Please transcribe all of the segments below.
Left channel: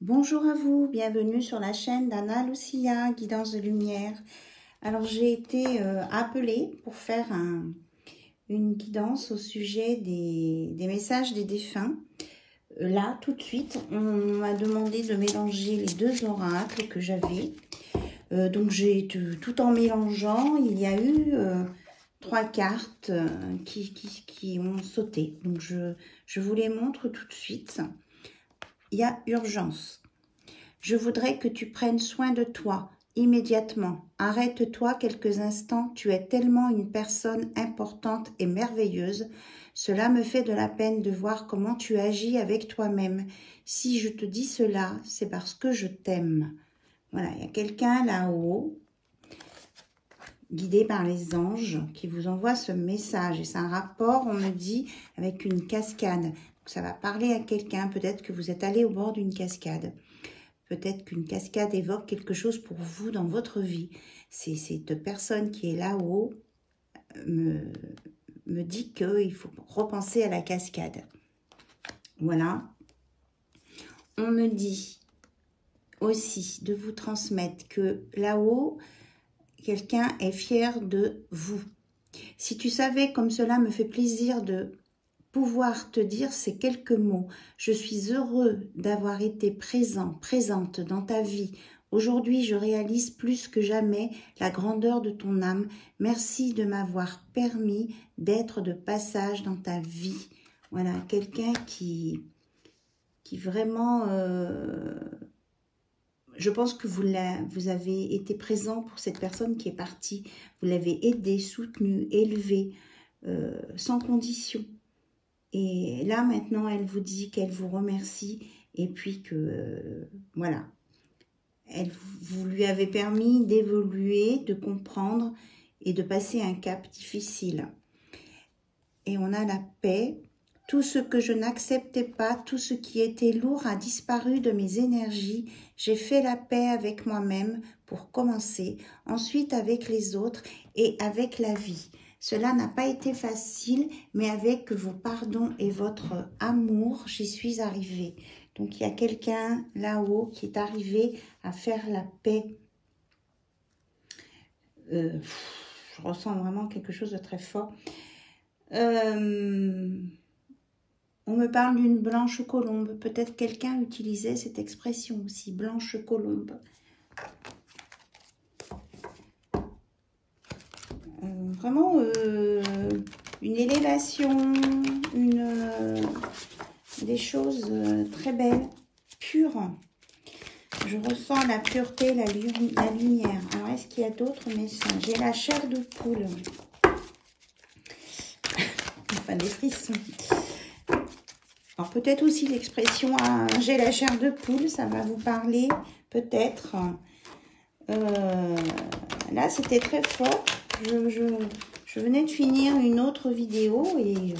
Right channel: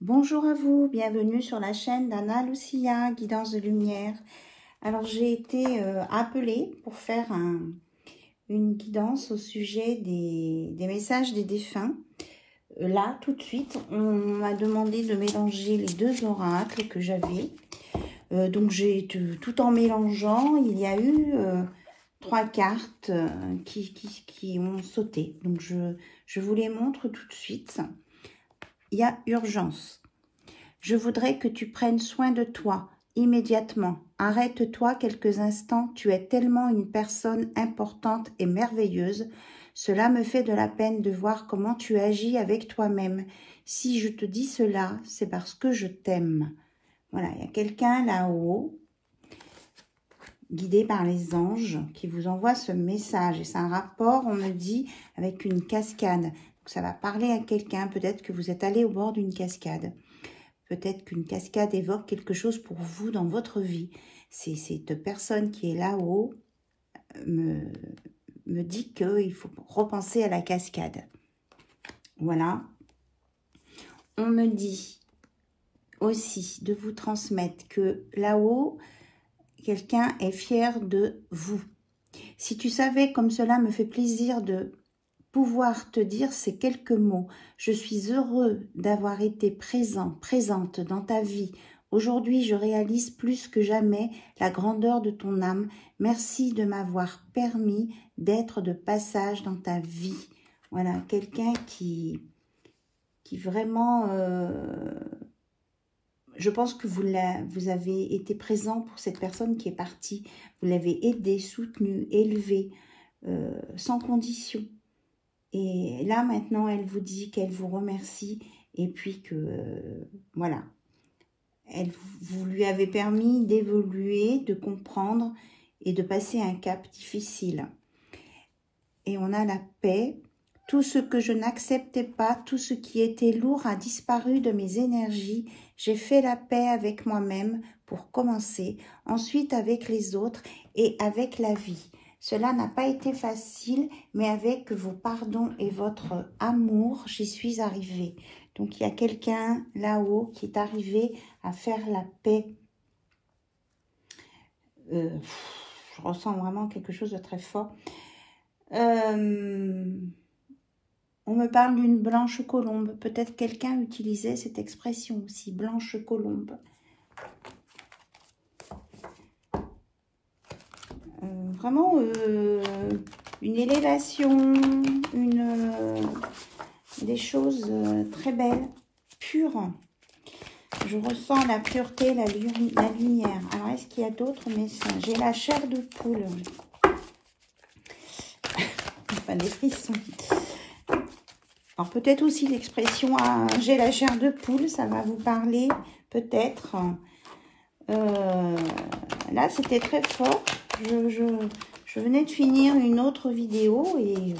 Bonjour à vous, bienvenue sur la chaîne d'Anna Lucia, Guidance de Lumière. Alors j'ai été appelée pour faire une guidance au sujet des messages des défunts. Là, tout de suite, on m'a demandé de mélanger les deux oracles que j'avais. Donc j'ai tout en mélangeant, il y a eu 3 cartes qui ont sauté. Donc je vous les montre tout de suite. Il y a urgence. Je voudrais que tu prennes soin de toi immédiatement. Arrête-toi quelques instants. Tu es tellement une personne importante et merveilleuse. Cela me fait de la peine de voir comment tu agis avec toi-même. Si je te dis cela, c'est parce que je t'aime. Voilà, il y a quelqu'un là-haut, guidé par les anges, qui vous envoie ce message. Et c'est un rapport, on me dit, avec une cascade. Donc, ça va parler à quelqu'un. Peut-être que vous êtes allé au bord d'une cascade. Peut-être qu'une cascade évoque quelque chose pour vous dans votre vie. Cette personne qui est là-haut me dit qu'il faut repenser à la cascade. Voilà. On me dit aussi de vous transmettre que là-haut, quelqu'un est fier de vous. Si tu savais comme cela me fait plaisir de pouvoir te dire ces quelques mots. Je suis heureux d'avoir été présente dans ta vie. Aujourd'hui, je réalise plus que jamais la grandeur de ton âme. Merci de m'avoir permis d'être de passage dans ta vie. Voilà, quelqu'un qui vraiment... je pense que vous avez été présent pour cette personne qui est partie. Vous l'avez aidée, soutenue, élevée, sans condition. Et là, maintenant, elle vous dit qu'elle vous remercie et puis que, voilà, vous lui avez permis d'évoluer, de comprendre et de passer un cap difficile. Et on a la paix. Tout ce que je n'acceptais pas, tout ce qui était lourd a disparu de mes énergies. J'ai fait la paix avec moi-même pour commencer, ensuite avec les autres et avec la vie. Cela n'a pas été facile, mais avec vos pardons et votre amour, j'y suis arrivée. Donc, il y a quelqu'un là-haut qui est arrivé à faire la paix. Je ressens vraiment quelque chose de très fort. On me parle d'une blanche colombe. Peut-être quelqu'un utilisait cette expression aussi, blanche colombe. Vraiment une élévation, des choses très belles, pures. Je ressens la pureté, la lumière. Alors, est-ce qu'il y a d'autres messages? J'ai la chair de poule. Enfin, des frissons. Alors, peut-être aussi l'expression « j'ai la chair de poule », ça va vous parler, peut-être. Là, c'était très fort. Je venais de finir une autre vidéo et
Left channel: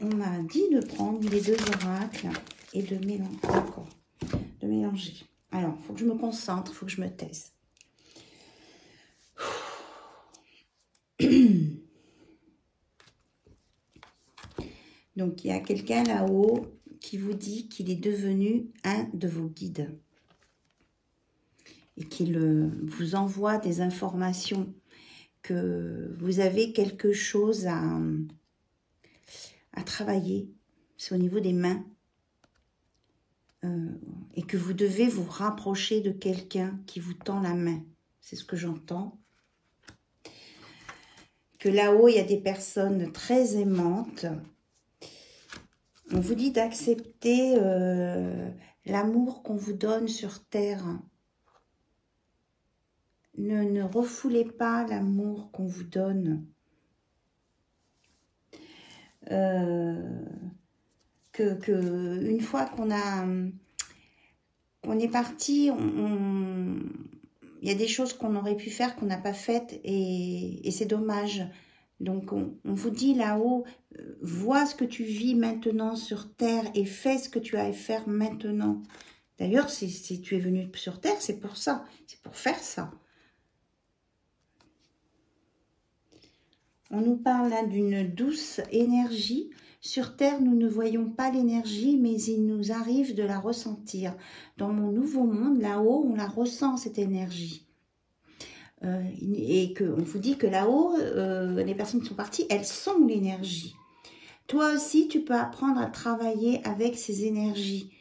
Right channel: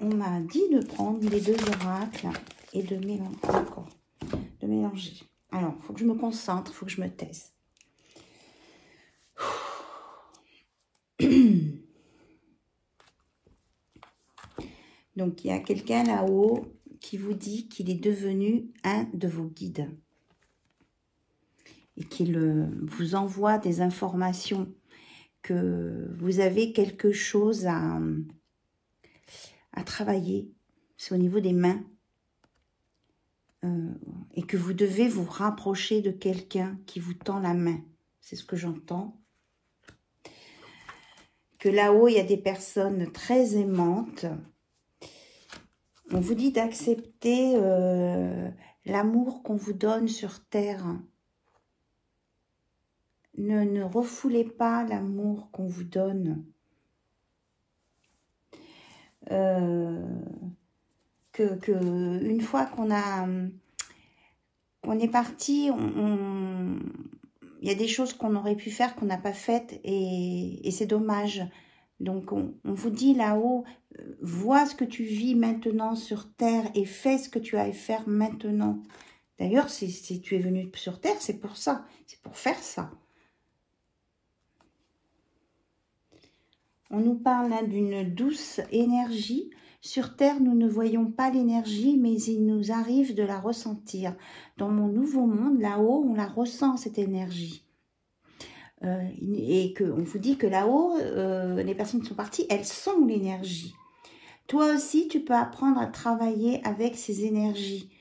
on m'a dit de prendre les deux oracles et de mélanger. D'accord, de mélanger. Alors, il faut que je me concentre, il faut que je me taise. Donc, il y a quelqu'un là-haut qui vous dit qu'il est devenu un de vos guides et qu'il vous envoie des informations, que vous avez quelque chose à travailler, c'est au niveau des mains, et que vous devez vous rapprocher de quelqu'un qui vous tend la main. C'est ce que j'entends. Que là-haut, il y a des personnes très aimantes. On vous dit d'accepter l'amour qu'on vous donne sur terre. Ne refoulez pas l'amour qu'on vous donne. Une fois qu'on est parti, il y a des choses qu'on aurait pu faire qu'on n'a pas faites et c'est dommage. Donc on vous dit là-haut, vois ce que tu vis maintenant sur terre et fais ce que tu as à faire maintenant. D'ailleurs, si tu es venu sur terre, c'est pour ça, c'est pour faire ça. On nous parle d'une douce énergie Sur Terre, nous ne voyons pas l'énergie, mais il nous arrive de la ressentir. Dans mon nouveau monde, là-haut, on la ressent, cette énergie. Et on vous dit que là-haut, les personnes qui sont parties, elles sont l'énergie. Toi aussi, tu peux apprendre à travailler avec ces énergies.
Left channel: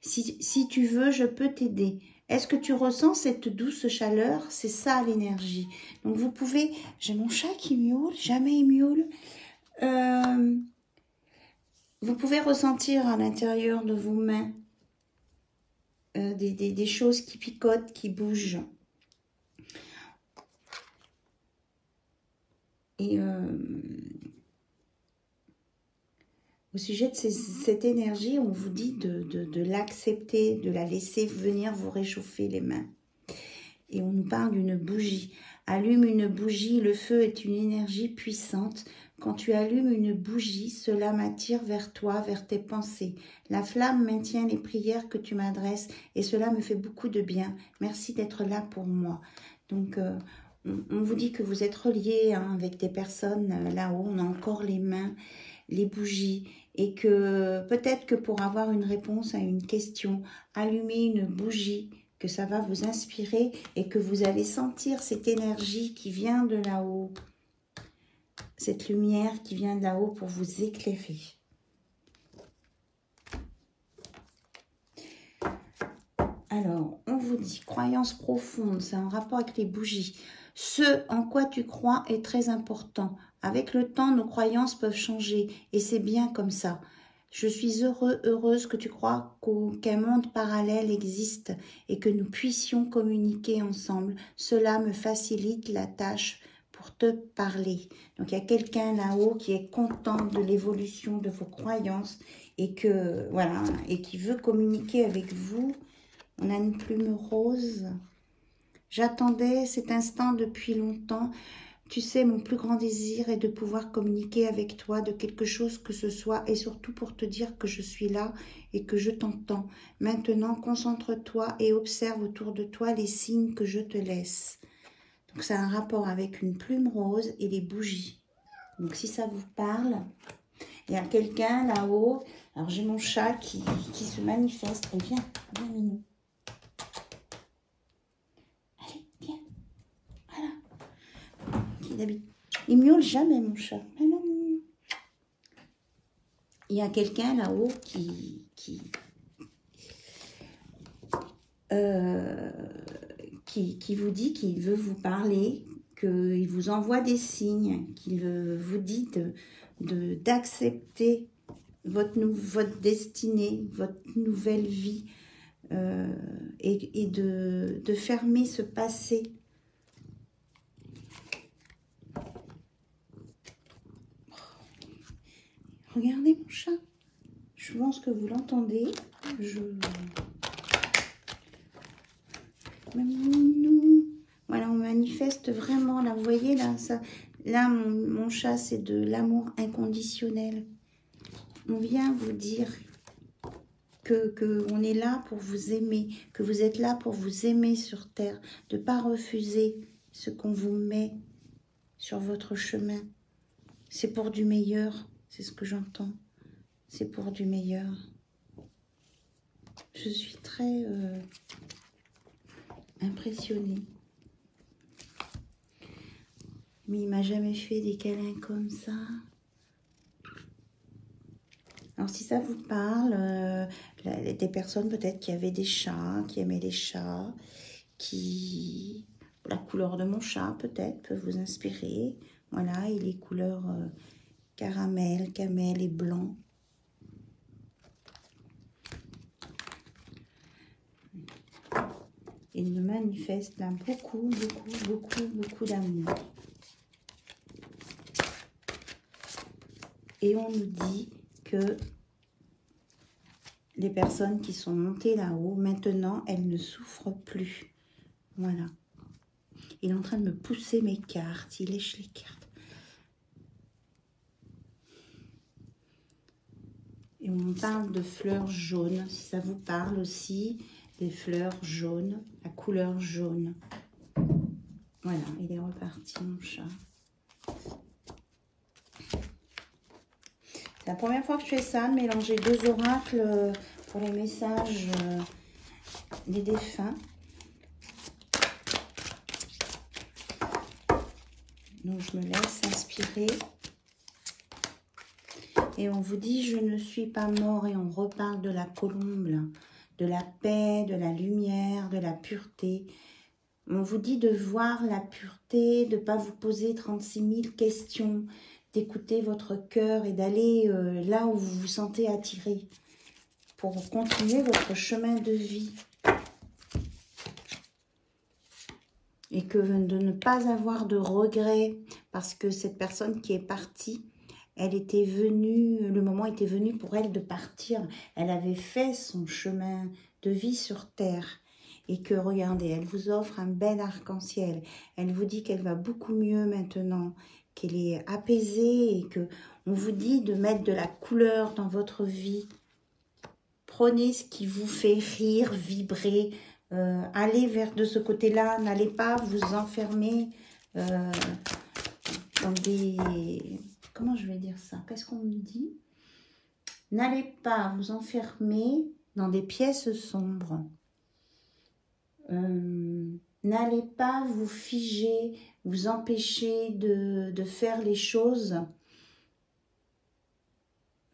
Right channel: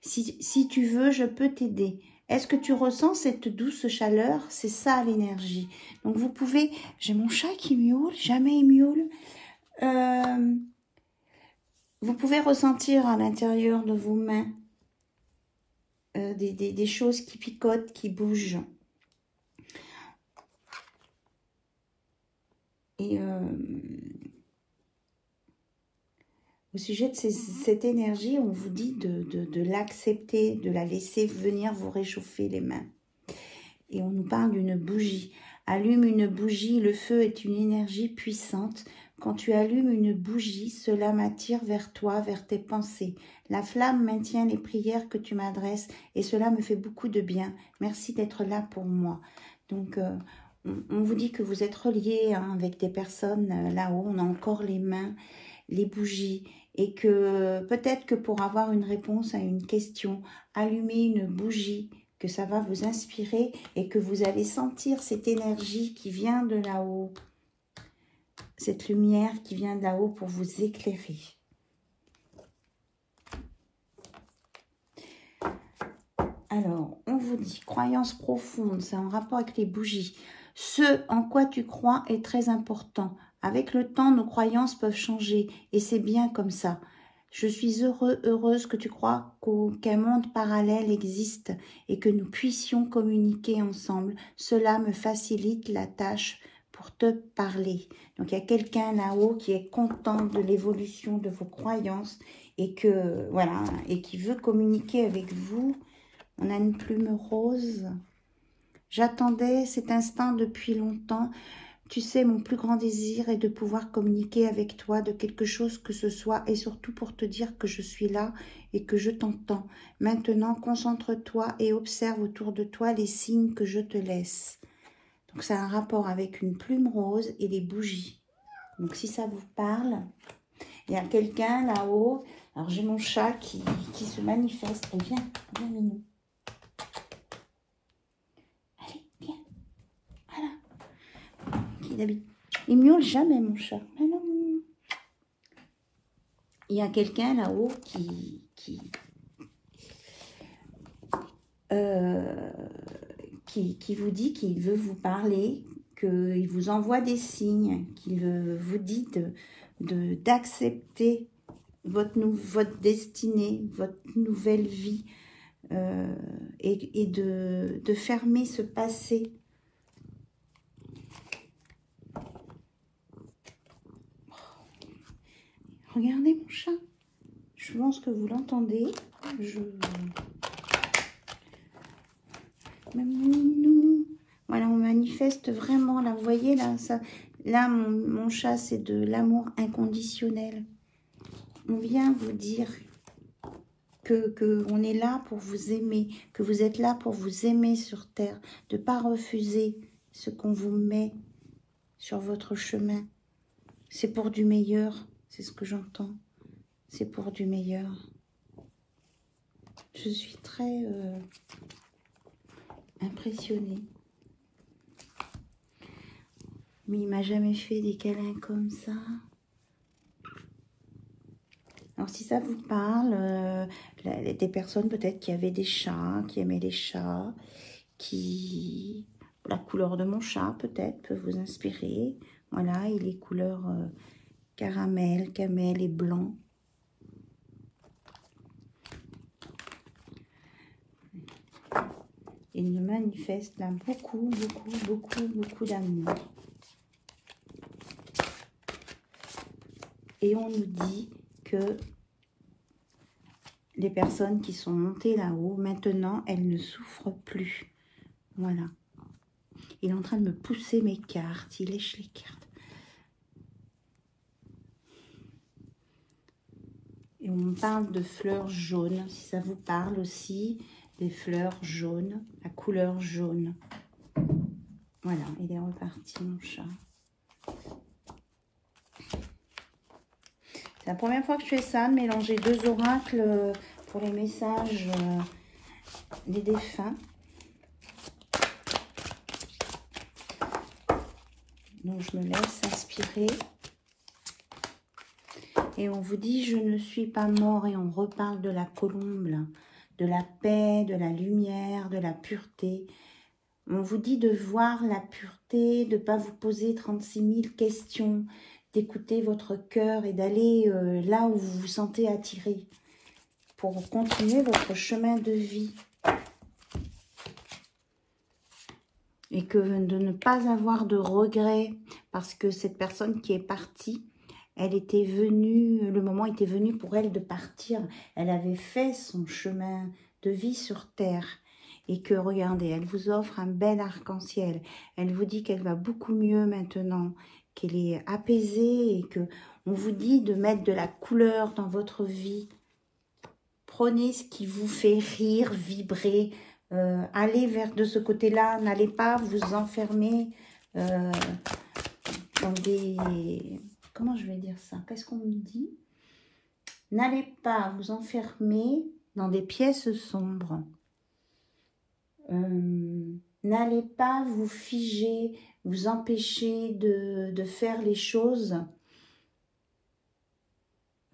Si tu veux, je peux t'aider. Est-ce que tu ressens cette douce chaleur? C'est ça l'énergie. Donc vous pouvez... J'ai mon chat qui miaule, jamais il miaule. Vous pouvez ressentir à l'intérieur de vos mains des choses qui picotent, qui bougent. Et au sujet de cette énergie, on vous dit de l'accepter, de la laisser venir vous réchauffer les mains. Et on nous parle d'une bougie. Allume une bougie, le feu est une énergie puissante. Quand tu allumes une bougie, cela m'attire vers toi, vers tes pensées. La flamme maintient les prières que tu m'adresses et cela me fait beaucoup de bien. Merci d'être là pour moi. Donc, on vous dit que vous êtes reliés avec des personnes là-haut. On a encore les mains, les bougies. Et que peut-être que pour avoir une réponse à une question, allumez une bougie, que ça va vous inspirer et que vous allez sentir cette énergie qui vient de là-haut. Cette lumière qui vient de là-haut pour vous éclairer. Alors, on vous dit, croyance profonde, c'est en rapport avec les bougies. Ce en quoi tu crois est très important. Avec le temps, nos croyances peuvent changer et c'est bien comme ça. Je suis heureuse que tu crois qu'un monde parallèle existe et que nous puissions communiquer ensemble. Cela me facilite la tâche pour te parler. Donc, il y a quelqu'un là-haut qui est content de l'évolution de vos croyances et que voilà, et qui veut communiquer avec vous. On a une plume rose. J'attendais cet instant depuis longtemps. Tu sais, mon plus grand désir est de pouvoir communiquer avec toi de quelque chose que ce soit et surtout pour te dire que je suis là et que je t'entends. Maintenant, concentre-toi et observe autour de toi les signes que je te laisse. Donc, ça a un rapport avec une plume rose et les bougies. Donc, si ça vous parle, il y a quelqu'un là-haut. Alors, j'ai mon chat qui se manifeste. Viens, viens, Minou. Allez, viens. Voilà. Il miaule jamais, mon chat. Alors, il y a quelqu'un là-haut qui vous dit qu'il veut vous parler, qu'il vous envoie des signes, qu'il vous dit d'accepter votre destinée, votre nouvelle vie et de fermer ce passé. Regardez mon chat. Je pense que vous l'entendez. Voilà, on manifeste vraiment, là, vous voyez, là mon chat, c'est de l'amour inconditionnel. On vient vous dire que on est là pour vous aimer, que vous êtes là pour vous aimer sur Terre, de ne pas refuser ce qu'on vous met sur votre chemin. C'est pour du meilleur, c'est ce que j'entends. C'est pour du meilleur. Je suis très impressionnée. Mais il m'a jamais fait des câlins comme ça. Alors si ça vous parle, des personnes peut-être qui avaient des chats, qui aimaient les chats, la couleur de mon chat peut-être peut vous inspirer. Voilà, il est couleur caramel, camel et blanc. Il nous manifeste là beaucoup d'amour. Et on nous dit que les personnes qui sont montées là-haut, maintenant, elles ne souffrent plus. Voilà. Il est en train de me pousser mes cartes. Il lèche les cartes. Et on parle de fleurs jaunes, si ça vous parle aussi. Des fleurs jaunes, la couleur jaune. Voilà, il est reparti mon chat. C'est la première fois que je fais ça, de mélanger 2 oracles pour les messages des défunts. Donc, je me laisse inspirer. Et on vous dit, je ne suis pas mort. Et on reparle de la colombe, là, de la paix, de la lumière, de la pureté. On vous dit de voir la pureté, de ne pas vous poser 36 000 questions, d'écouter votre cœur et d'aller là où vous vous sentez attiré pour continuer votre chemin de vie. Et que de ne pas avoir de regrets parce que cette personne qui est partie, elle était venue, le moment était venu pour elle de partir. Elle avait fait son chemin de vie sur terre. Et que, regardez, elle vous offre un bel arc-en-ciel. Elle vous dit qu'elle va beaucoup mieux maintenant, qu'elle est apaisée et que on vous dit de mettre de la couleur dans votre vie. Prenez ce qui vous fait rire, vibrer, allez vers de ce côté-là. N'allez pas vous enfermer dans des... Comment je vais dire ça? Qu'est-ce qu'on me dit? N'allez pas vous enfermer dans des pièces sombres. N'allez pas vous figer, vous empêcher de faire les choses.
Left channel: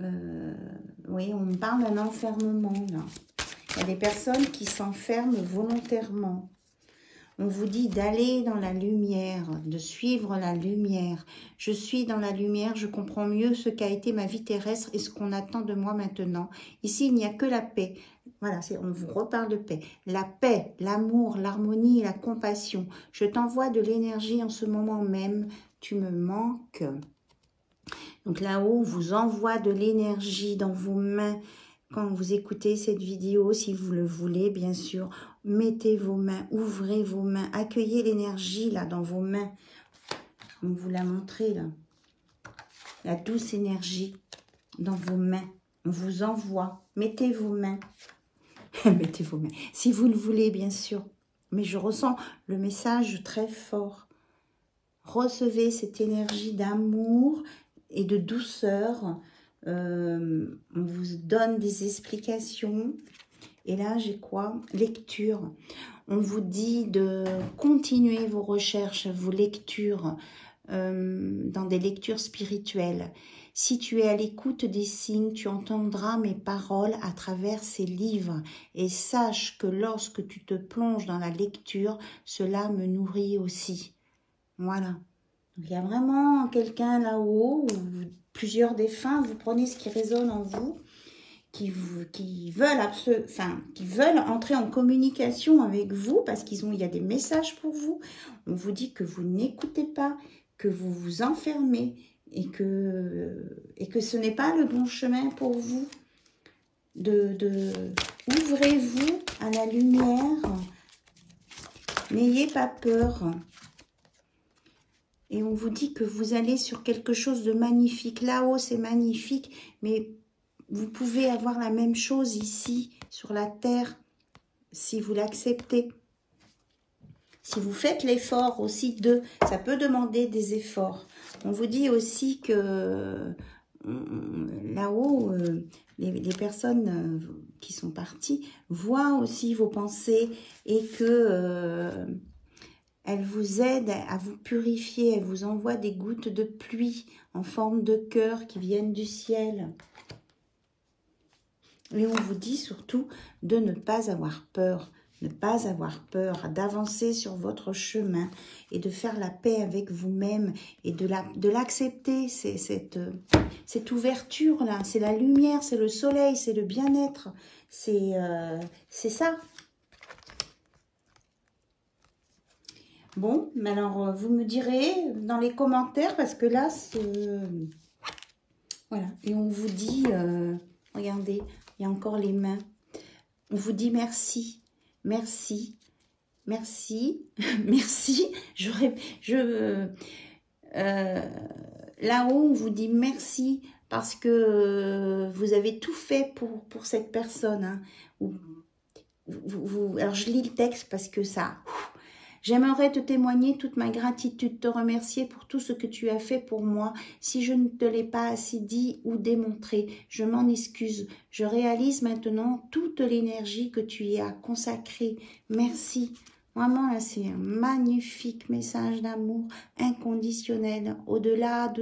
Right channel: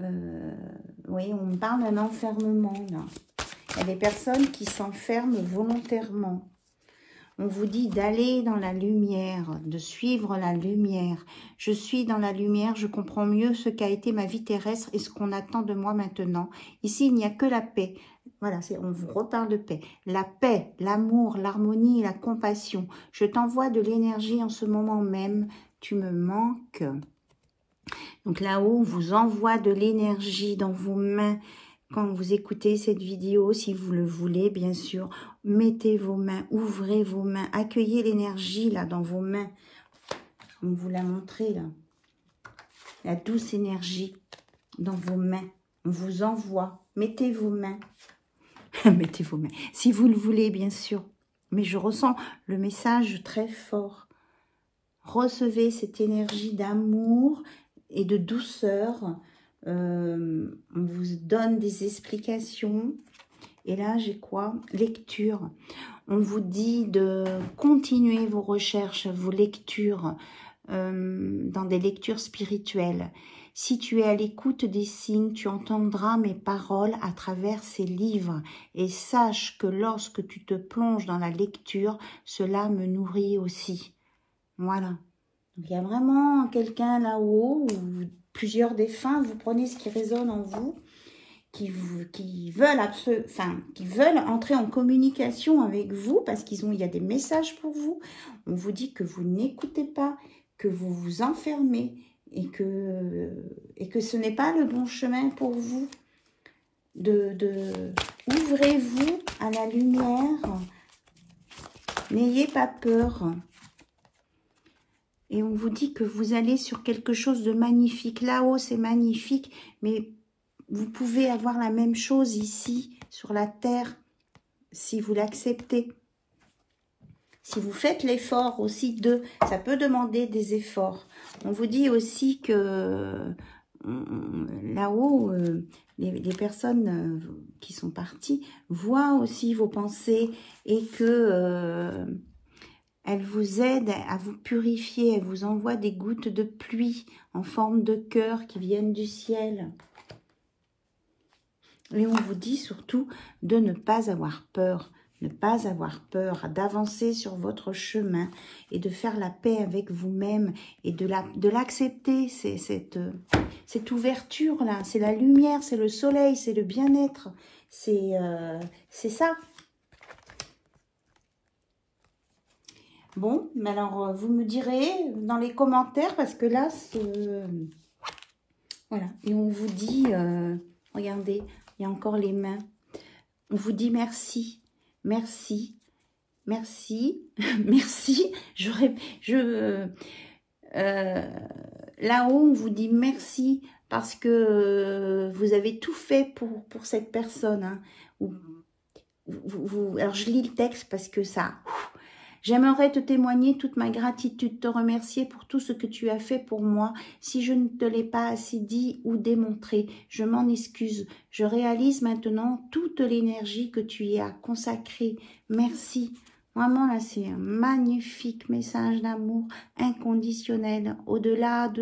Oui, on me parle d'un enfermement là. Il y a des personnes qui s'enferment volontairement. On vous dit d'aller dans la lumière, de suivre la lumière. Je suis dans la lumière, je comprends mieux ce qu'a été ma vie terrestre et ce qu'on attend de moi maintenant. Ici, il n'y a que la paix. Voilà, on vous reparle de paix. La paix, l'amour, l'harmonie et la compassion. Je t'envoie de l'énergie en ce moment même. Tu me manques. Donc là-haut, on vous envoie de l'énergie dans vos mains. Quand vous écoutez cette vidéo, si vous le voulez, bien sûr, mettez vos mains, ouvrez vos mains, accueillez l'énergie là dans vos mains. On vous l'a montré là. La douce énergie dans vos mains. On vous envoie. Mettez vos mains. Mettez vos mains. Si vous le voulez, bien sûr. Mais je ressens le message très fort. Recevez cette énergie d'amour et de douceur. On vous donne des explications. Et là, j'ai quoi? Lecture. On vous dit de continuer vos recherches, vos lectures, dans des lectures spirituelles. Si tu es à l'écoute des signes, tu entendras mes paroles à travers ces livres. Et sache que lorsque tu te plonges dans la lecture, cela me nourrit aussi. Voilà. Donc, il y a vraiment quelqu'un là-haut, ou plusieurs défunts, vous prenez ce qui résonne en vous, qui veulent entrer en communication avec vous, parce il y a des messages pour vous. On vous dit que vous n'écoutez pas, que vous vous enfermez, et que ce n'est pas le bon chemin pour vous. Ouvrez-vous à la lumière, n'ayez pas peur. Et on vous dit que vous allez sur quelque chose de magnifique. Là-haut, c'est magnifique, mais vous pouvez avoir la même chose ici, sur la terre, si vous l'acceptez. Si vous faites l'effort aussi ça peut demander des efforts. On vous dit aussi que là-haut, les personnes qui sont parties voient aussi vos pensées et que elles vous aident à vous purifier. Elles vous envoient des gouttes de pluie en forme de cœur qui viennent du ciel. Et on vous dit surtout de ne pas avoir peur. Ne pas avoir peur, d'avancer sur votre chemin et de faire la paix avec vous-même et de l'accepter, cette ouverture-là. C'est la lumière, c'est le soleil, c'est le bien-être. C'est ça. Bon, alors vous me direz dans les commentaires parce que là, voilà. Et on vous dit, regardez, il y a encore les mains. On vous dit merci. Merci, merci, merci. Là-haut, on vous dit merci parce que vous avez tout fait pour cette personne. Hein. Alors, je lis le texte parce que ça... J'aimerais te témoigner toute ma gratitude, te remercier pour tout ce que tu as fait pour moi. Si je ne te l'ai pas assez dit ou démontré, je m'en excuse. Je réalise maintenant toute l'énergie que tu y as consacrée. Merci. Vraiment, là, c'est un magnifique message d'amour inconditionnel, au-delà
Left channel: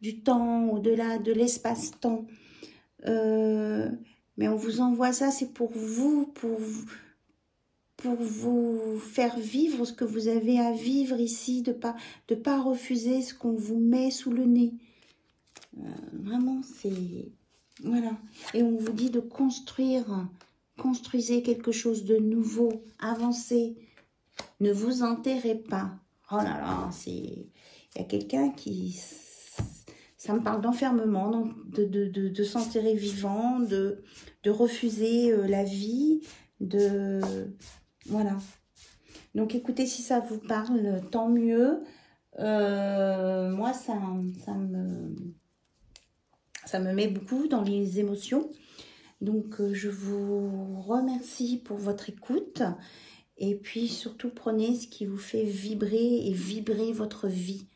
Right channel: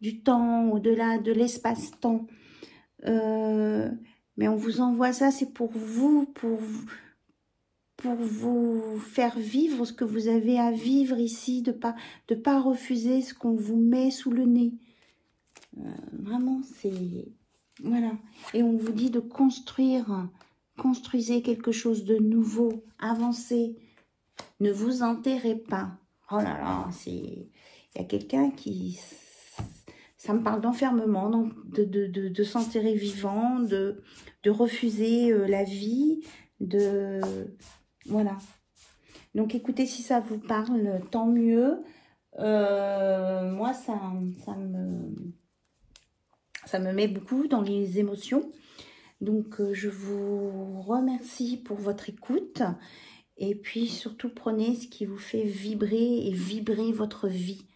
du temps, au-delà de l'espace-temps. Mais on vous envoie ça, c'est pour vous, pour vous faire vivre ce que vous avez à vivre ici, de pas refuser ce qu'on vous met sous le nez. Vraiment, c'est... Voilà. Et on vous dit de construisez quelque chose de nouveau, avancez, ne vous enterrez pas. Oh là là, c'est... Il y a quelqu'un qui... Ça me parle d'enfermement, de s'enterrer vivant, de refuser la vie, Voilà. Donc, écoutez, si ça vous parle, tant mieux. Moi, ça me met beaucoup dans les émotions. Donc, je vous remercie pour votre écoute. Et puis, surtout, prenez ce qui vous fait vibrer et vibrer votre vie.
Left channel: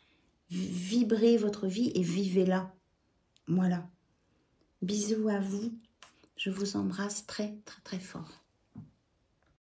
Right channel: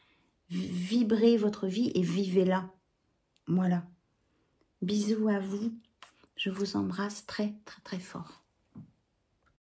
Vibrez votre vie et vivez-la. Voilà. Bisous à vous. Je vous embrasse très, très, très fort.